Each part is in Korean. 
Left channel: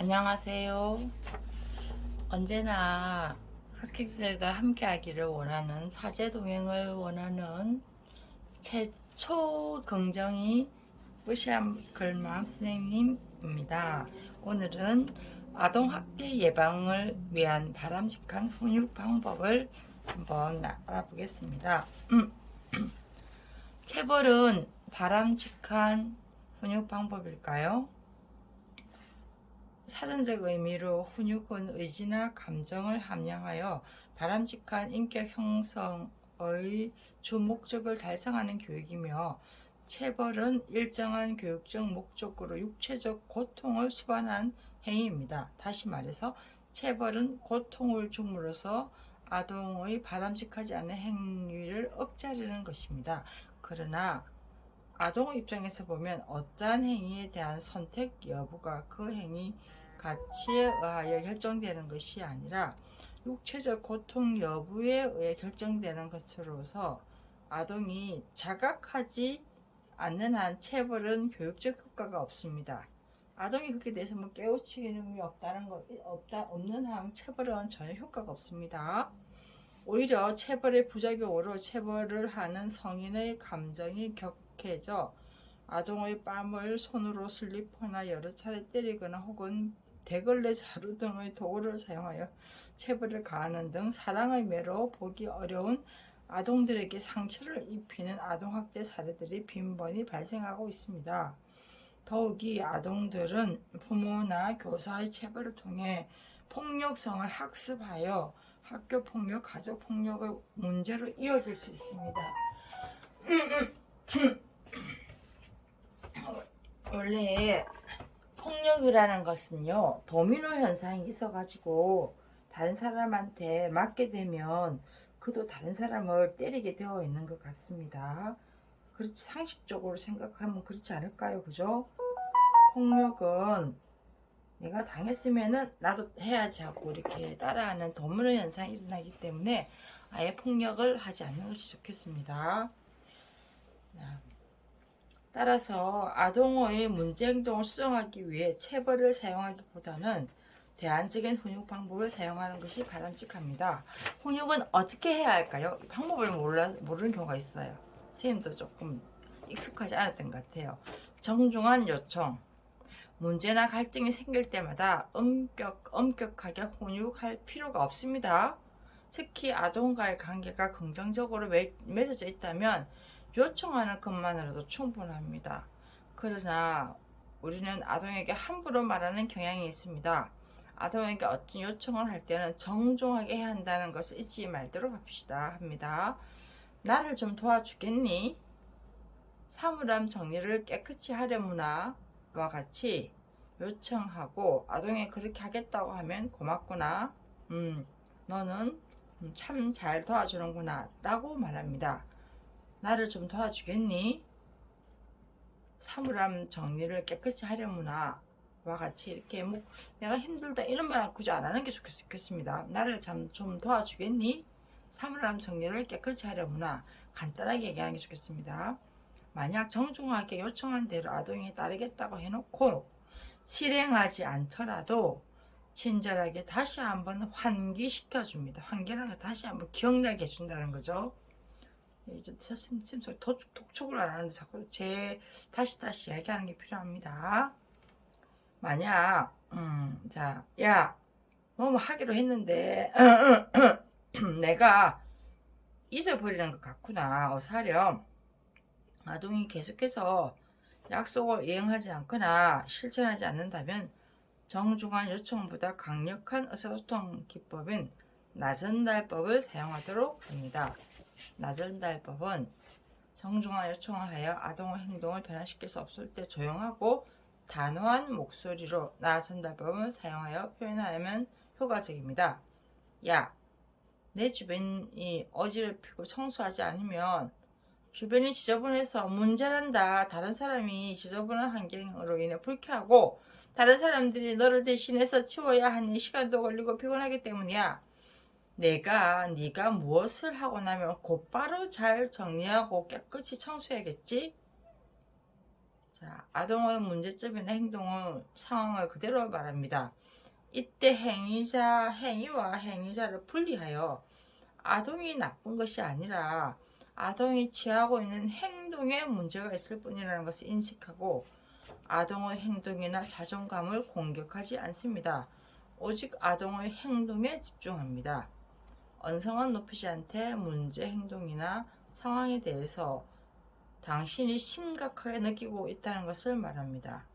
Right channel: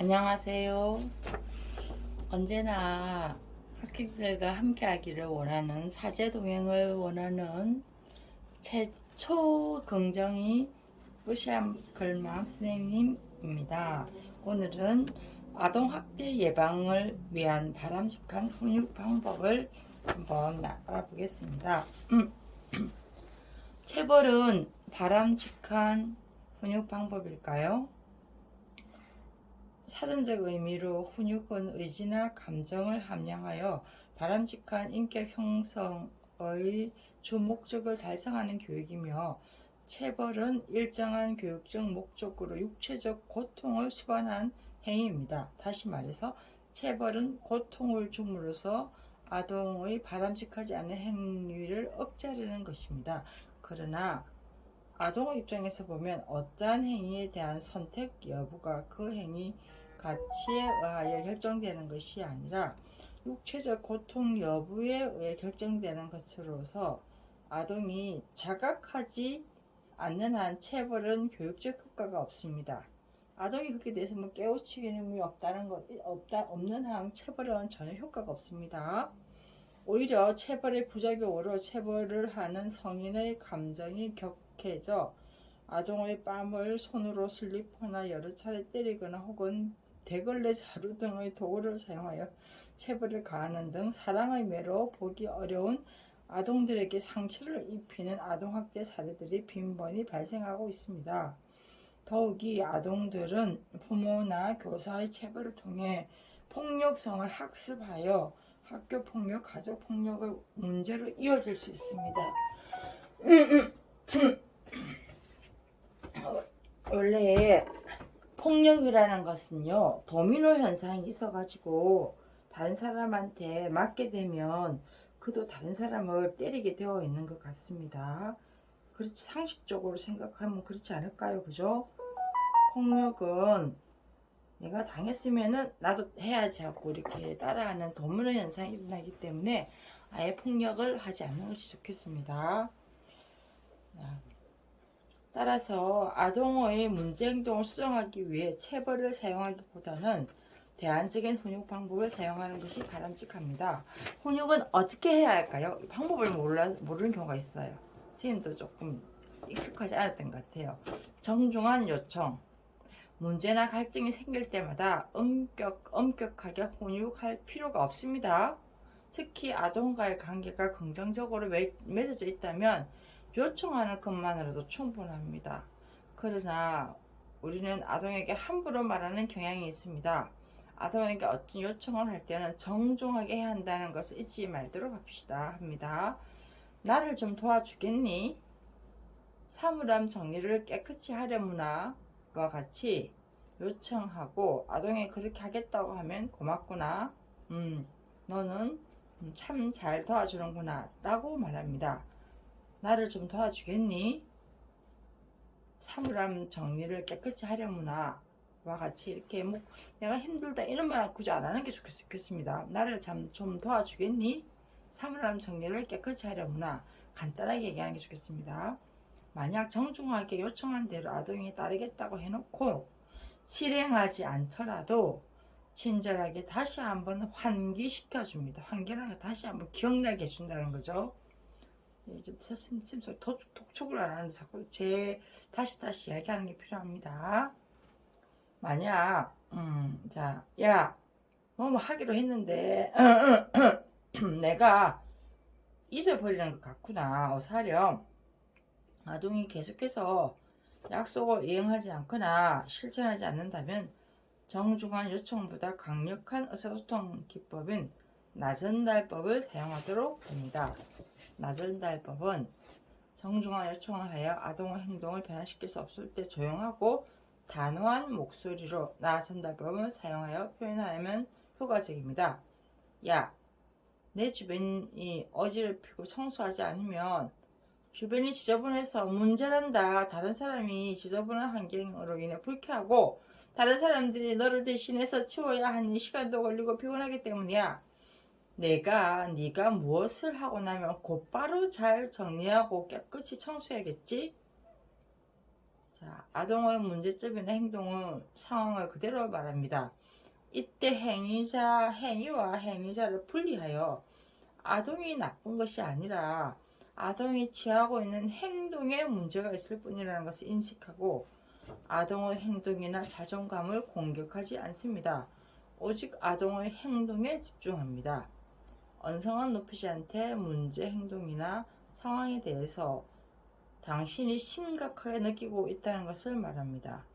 안녕하세요. 언제나 학생들과 함께 하기를 원하는 사제 동행을 원하는 최초 긍정이 뿌시암 글맘 선생님입니다. 오늘은 아동학대 예방을 위한 바람직한 훈육 방법을 한번 알아보겠습니다. 체벌은 바람직한 훈육 방법일까요? 사전적 의미로 훈육은 의지나 감정을 함양하여 바람직한 인격 형성의 주 목적을 달성하는 교육이며, 체벌은 일정한 교육적 목적으로 육체적 고통을 수반한 행위입니다. 다시 말해서 체벌은 고통을 줌으로써 아동의 바람직하지 않은 행위를 억제하려는 것입니다. 그러나 아동의 입장에서 보면 어떠한 행위에 대한 선택 여부가 그 행위 가치에 의하여 결정되는 것이 아니라 육체적 고통 여부에 의해 결정되는 것으로서 아동이 자각하지 않는 한 체벌은 교육적 효과가 없습니다. 아동이 그렇게 대해서 깨우치는 없는 한 체벌은 전혀 효과가 없습니다. 오히려 체벌의 부작용으로 체벌을 하는 성인의 감정이 격해져 아동의 뺨을 손으로 슬리퍼나 여러 차례 때리거나 혹은 대걸레 자루 등의 도구를 사용하여 체벌을 가하는 등 사랑의 매로 보기 어려운 아동들에게 상처를 입히는 아동학대 사례들이 빈번히 발생하고 있습니다. 더욱이 아동들은 부모나 교사의 체벌을 통해 폭력성을 학습하여 학교폭력, 가족폭력의 문제로 이어질 수 있습니다. 원래 폭력이라는 것은요, 도미노 현상이 있어가지고 다른 사람한테 맞게 되면 그도 다른 사람을 때리게 되어 있는 것 같습니다. 그렇지, 상식적으로 생각하면 그렇지 않을까요? 그죠? 폭력은 내가 당했으면은 나도 해야지 하고 이렇게 따라하는 도미노 현상이 일어나기 때문에 아예 폭력을 하지 않는 것이 좋겠습니다. 따라서 아동의 문제 행동을 수정하기 위해 체벌을 사용하기보다는 대안적인 훈육 방법을 사용하는 것이 바람직합니다. 훈육은 어떻게 해야 할까요? 방법을 모르는 경우가 있어요. 선생님도 조금 익숙하지 않았던 것 같아요. 정중한 요청. 문제나 갈등이 생길 때마다 엄격하게 훈육할 필요가 없습니다. 특히 아동과의 관계가 긍정적으로 맺어져 있다면 요청하는 것만으로도 충분합니다. 그러나 우리는 아동에게 함부로 말하는 경향이 있습니다. 아동에게 어떤 요청을 할 때는 정중하게 해야 한다는 것을 잊지 말도록 합니다. 나를 좀 도와주겠니? 사물함 정리를 깨끗이 하려무나 와 같이 요청하고, 아동이 그렇게 하겠다고 하면 고맙구나, 너는 참 잘 도와주는구나 라고 말합니다. 나를 좀 도와주겠니? 사물함 정리를 깨끗이 하려무나 와 같이 이렇게 내가 힘들다 이런 말 굳이 안 하는 게 좋겠습니다. 나를 좀 도와주겠니? 사물함 정리를 깨끗이 하려무나 간단하게 얘기하는 게 좋겠습니다. 만약 정중하게 요청한 대로 아동이 따르겠다고 해놓고 실행하지 않더라도 친절하게 다시 한번 환기시켜줍니다. 환기라는 거 다시 한번 기억나게 해준다는 거죠. 이제 선생님 독촉을 안 하는데 자꾸 다시 이야기하는 게 필요합니다. 만약 자, 야, 뭐 하기로 했는데 내가 잊어버리는 것 같구나, 어서 하렴. 아동이 계속해서 약속을 이행하지 않거나 실천하지 않는다면 정중한 요청보다 강력한 의사소통 기법인 나전달법을 사용하도록 합니다. 나전달법은 정중한 요청을 하여 아동의 행동을 변화시킬 수 없을 때 조용하고 단호한 목소리로 나전달법을 사용하여 표현하면 효과적입니다. 야, 내 주변이 어지럽히고 청소하지 않으면 주변이 지저분해서 문제란다. 다른 사람이 지저분한 환경으로 인해 불쾌하고 다른 사람들이 너를 대신해서 치워야 하니 시간도 걸리고 피곤하기 때문이야. 네가 무엇을 하고 나면 곧바로 잘 정리하고 깨끗이 청소해야겠지? 자, 아동의 문제점이나 행동은 상황을 그대로 말합니다. 이때 행위와 행위자를 분리하여 아동이 나쁜 것이 아니라 아동이 취하고 있는 행동에 문제가 있을 뿐이라는 것을 인식하고 아동의 행동이나 자존감을 공격하지 않습니다. 오직 아동의 행동에 집중합니다. 언성은 높이지 않되 문제 행동이나 상황에 대해서 당신이 심각하게 느끼고 있다는 것을 말합니다.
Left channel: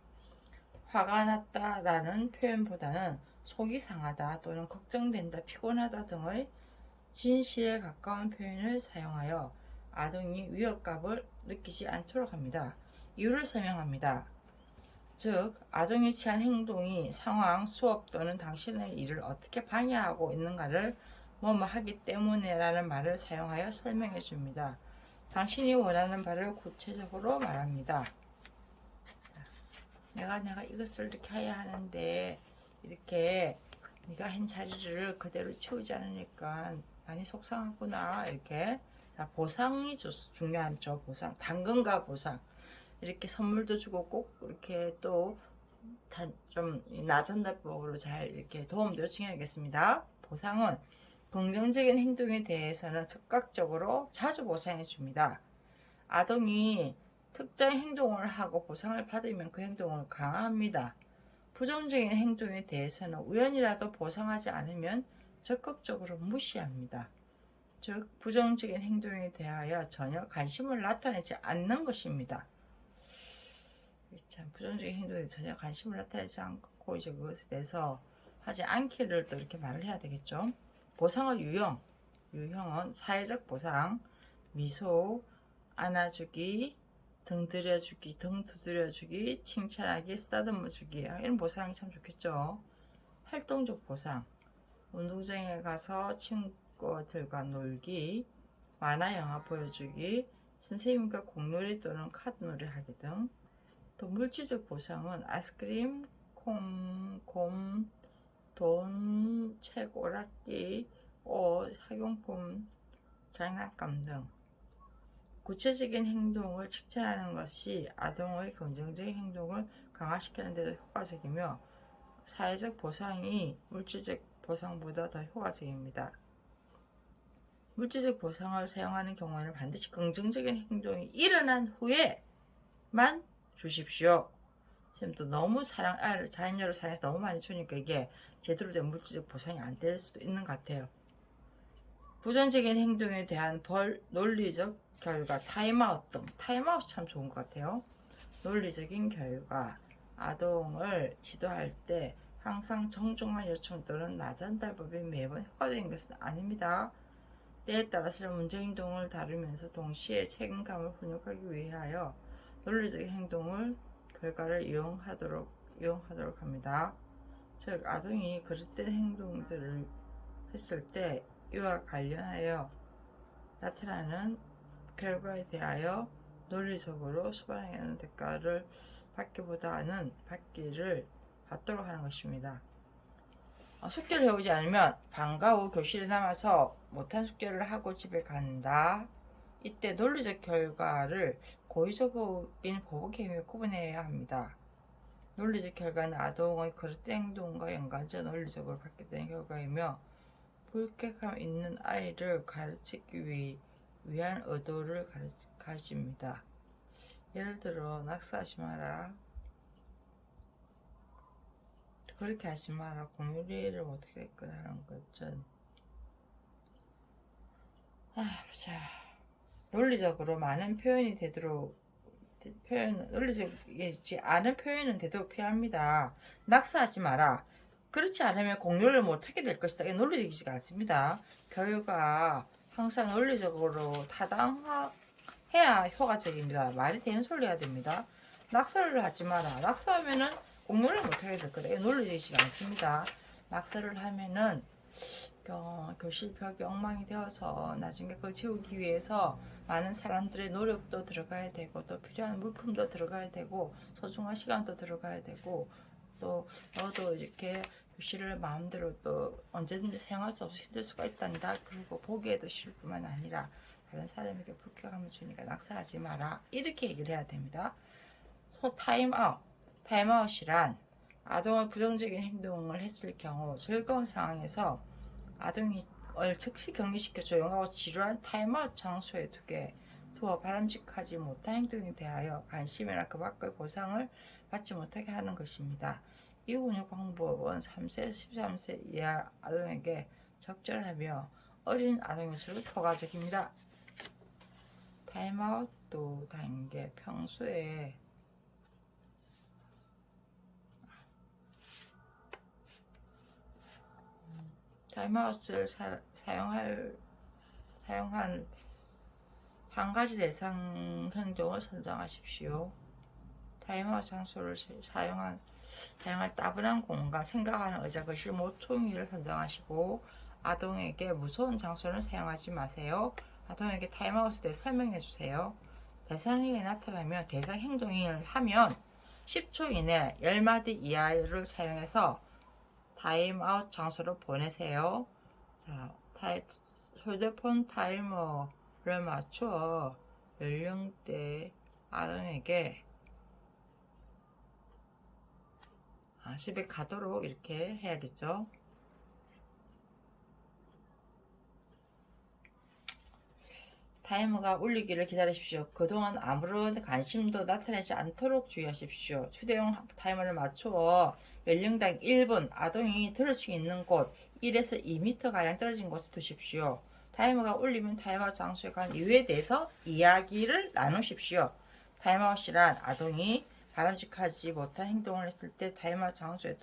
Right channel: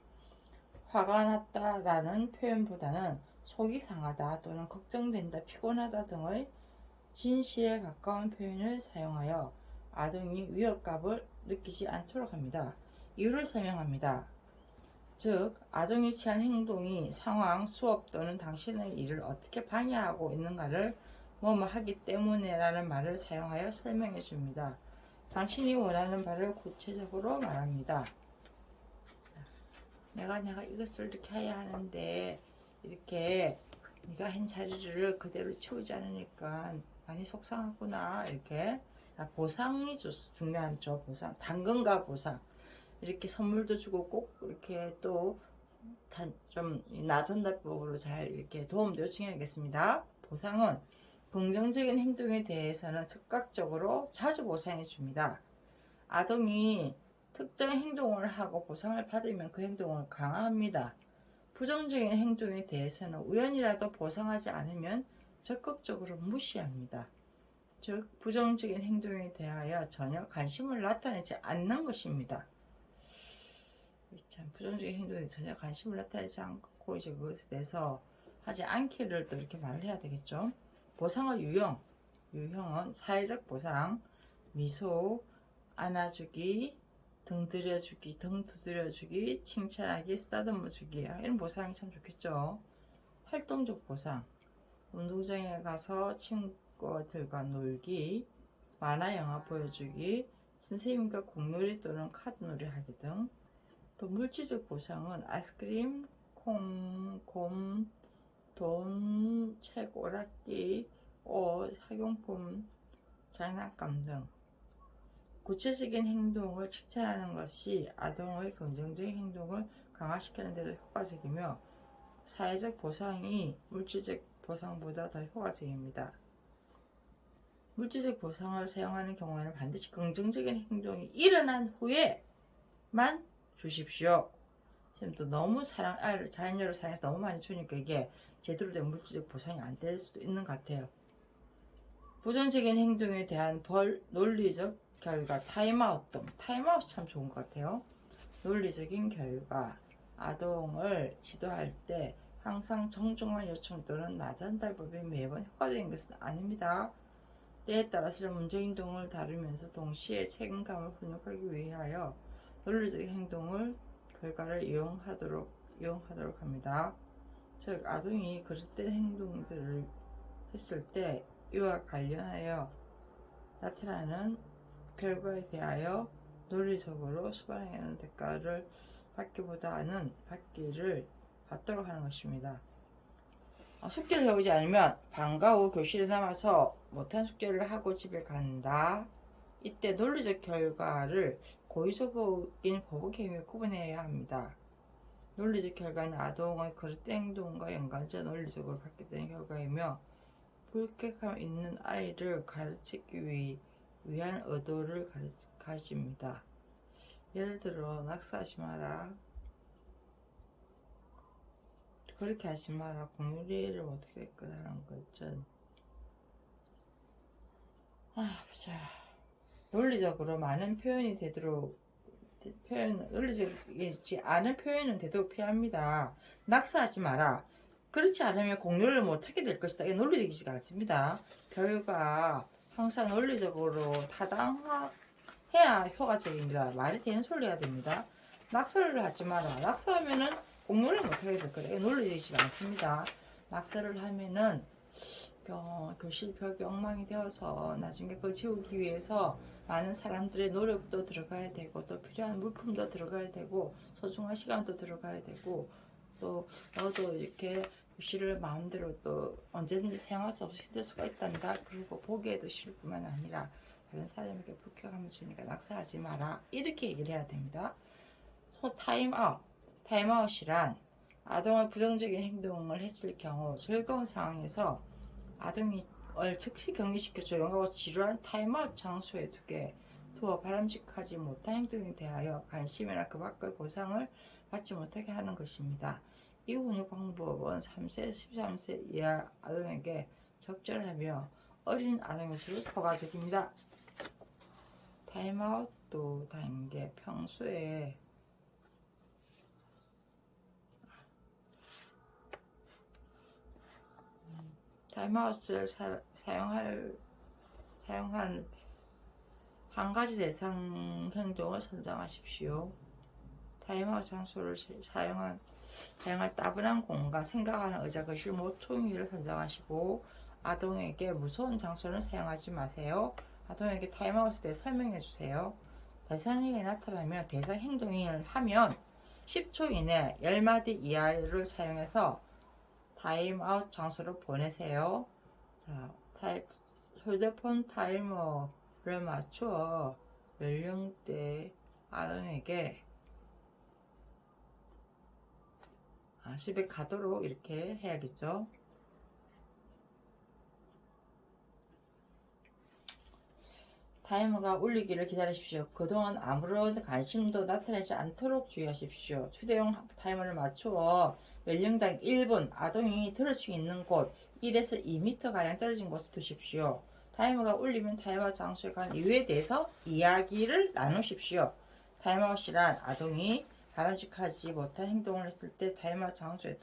화가 났다라는 표현보다는 속이 상하다 또는 걱정된다, 피곤하다 등의 진실에 가까운 표현을 사용하여 아동이 위협감을 느끼지 않도록 합니다. 이유를 설명합니다. 즉, 아동이 취한 행동이 상황, 수업 또는 당신의 일을 어떻게 방해하고 있는가를 뭐뭐 하기 때문에 라는 말을 사용하여 설명해 줍니다. 당신이 원하는 바를 구체적으로 말합니다. 자, 내가 이것을 이렇게 해야 하는데 이렇게 네가 한 자리를 그대로 채우지 않으니까 많이 속상하구나. 이렇게. 자, 보상이 중요하죠. 보상. 당근과 보상. 이렇게 선물도 주고 꼭 이렇게 또 좀 낮은 답법으로 잘 이렇게 도움도 요청해야겠습니다. 보상은 긍정적인 행동에 대해서는 즉각적으로 자주 보상해 줍니다. 아동이 특정 행동을 하고 보상을 받으면 그 행동을 강화합니다. 부정적인 행동에 대해서는 우연이라도 보상하지 않으면 적극적으로 무시합니다. 즉, 부정적인 행동에 대하여 전혀 관심을 나타내지 않는 것입니다. 참, 부정적인 행동에 전혀 관심을 나타내지 않고 이제 그것에 대해서 하지 않기를 또 이렇게 말을 해야 되겠죠. 보상의 유형은 사회적 보상, 미소, 안아주기, 등 두드려주기, 칭찬하기, 쓰다듬어주기, 이런 보상이 참 좋겠죠. 활동적 보상, 운동장에 가서 친구들과 놀기, 만화 영화 보여주기, 선생님과 공놀이 또는 카드놀이 하기 등. 또 물질적 보상은 아이스크림, 콩, 곰, 돈, 책, 오락기, 옷, 학용품, 장난감 등. 구체적인 행동을 칭찬하는 것이 아동의 긍정적인 행동을 강화시키는 데도 효과적이며 사회적 보상이 물질적 보상보다 더 효과적입니다. 물질적 보상을 사용하는 경우에는 반드시 긍정적인 행동이 일어난 후에만 주십시오. 또 너무 자녀를 사랑해서 너무 많이 주니까 이게 제대로 된 물질적 보상이 안 될 수도 있는 것 같아요. 부정적인 행동에 대한 논리적 결과, 타임아웃 등. 타임아웃이 참 좋은 것 같아요. 논리적인 결과, 아동을 지도할 때 항상 정중한 요청 또는 낮은 답법이 매번 효과적인 것은 아닙니다. 때에 따라서는 문제 행동을 다루면서 동시에 책임감을 훈육하기 위하여 논리적인 행동을 결과를 이용하도록 합니다. 즉, 아동이 그릇된 행동들을 했을 때 이와 관련하여 나타나는 결과에 대하여 논리적으로 수반하는 대가를 받기를 받도록 하는 것입니다. 숙제를 해오지 않으면 방과 후 교실에 남아서 못한 숙제를 하고 집에 간다. 이때 논리적 결과를 고의적인 보복에 의해 구분해야 합니다. 논리적 결과는 아동의 그릇된 행동과 연관져 논리적으로 받게 결과이며 불쾌감 있는 아이를 가르치기 위한 의도를 가집니다. 예를 들어 낙서하지 마라, 그렇게 하지 마라, 공유리를 어떻게 했거나 하는 거죠. 자, 논리적으로 많은 표현이 되도록 논리적이지 않은 표현은 되도록 피합니다. 낙서하지 마라. 그렇지 않으면 공유를 못하게 될 것이다. 이게 논리적이지가 않습니다. 결과 항상 논리적으로 타당해야 효과적입니다. 말이 되는 소리 해야 됩니다. 낙서를 하지 마라. 낙서하면은 공유를 못하게 될 거다. 이게 논리적이지가 않습니다. 낙서를 하면은 교실 벽이 엉망이 되어서 나중에 그걸 지우기 위해서 많은 사람들의 노력도 들어가야 되고 또 필요한 물품도 들어가야 되고 소중한 시간도 들어가야 되고 또 너도 이렇게 교실을 마음대로 또 언제든지 사용할 수 없이 힘들 수가 있단다. 그리고 보기에도 싫을 뿐만 아니라 다른 사람에게 불쾌감을 주니까 낙서하지 마라. 이렇게 얘기를 해야 됩니다. 타임아웃. 타임아웃이란 아동의 부정적인 행동을 했을 경우 즐거운 상황에서 아동을 즉시 격리시켜 조용하고 지루한 타임아웃 장소에 두어 바람직하지 못한 행동에 대하여 관심이나 그 밖의 보상을 받지 못하게 하는 것입니다. 이 훈육 방법은 3세, 13세 이하 아동에게 적절하며 어린 아동일수록 효과적입니다. 타임아웃 또 단계. 평소에 타임아웃을 사용한 한 가지 대상 행동을 선정하십시오. 타임아웃 장소를 사용할 따분한 공간, 생각하는 의자, 거실, 모퉁이를 선정하시고 아동에게 무서운 장소는 사용하지 마세요. 아동에게 타임아웃에 대해 설명해 주세요. 대상이 나타나면 대상 행동을 하면 10초 이내 10마디 이하를 사용해서 타임아웃 장소로 보내세요. 자, 휴대폰 타이머를 맞춰 연령대 아동에게 집에 가도록 이렇게 해야겠죠. 타이머가 울리기를 기다리십시오. 그동안 아무런 관심도 나타내지 않도록 주의하십시오. 휴대용 타이머를 맞추어 연령당 1분 아동이 들을 수 있는 곳 1에서 2m가량 떨어진 곳에 두십시오. 타이머가 울리면 타임아웃 장소에 간 이유에 대해서 이야기를 나누십시오. 타임아웃이란 아동이 바람직하지 못한 행동을 했을 때 타임아웃 장소에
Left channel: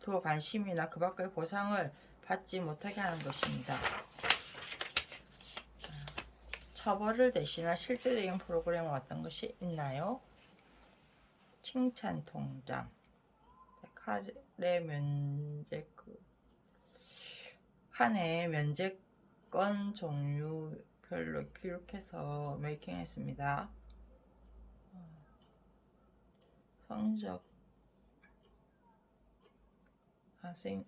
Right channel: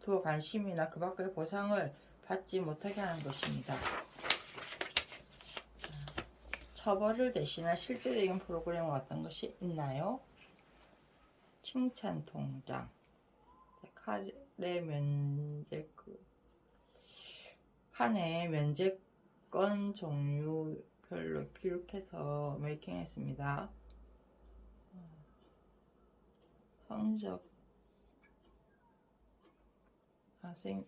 두어 관심이나 그 밖의 보상을 받지 못하게 하는 것입니다. 처벌을 대신할 실제적인 프로그램은 어떤 것이 있나요? 칭찬 통장, 칸의 면제권 종류별로 기록해서 메이킹했습니다. 성적, 학생.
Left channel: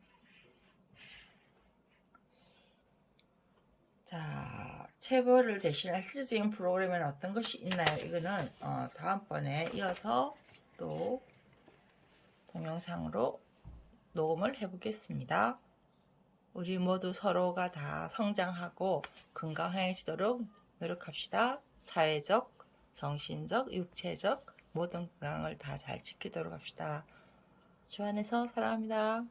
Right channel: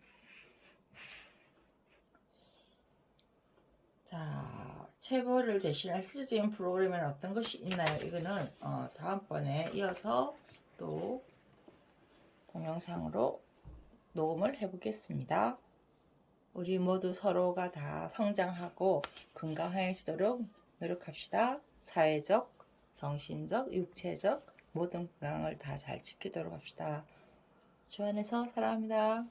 자, 체벌을 대신할 실질적인 프로그램에는 어떤 것이 있나요? 이거는 다음번에 이어서 또 동영상으로 녹음을 해보겠습니다. 우리 모두 서로가 다 성장하고 건강해지도록 노력합시다. 사회적, 정신적, 육체적 모든 건강을 다 잘 지키도록 합시다. 주 안에서 사랑합니다.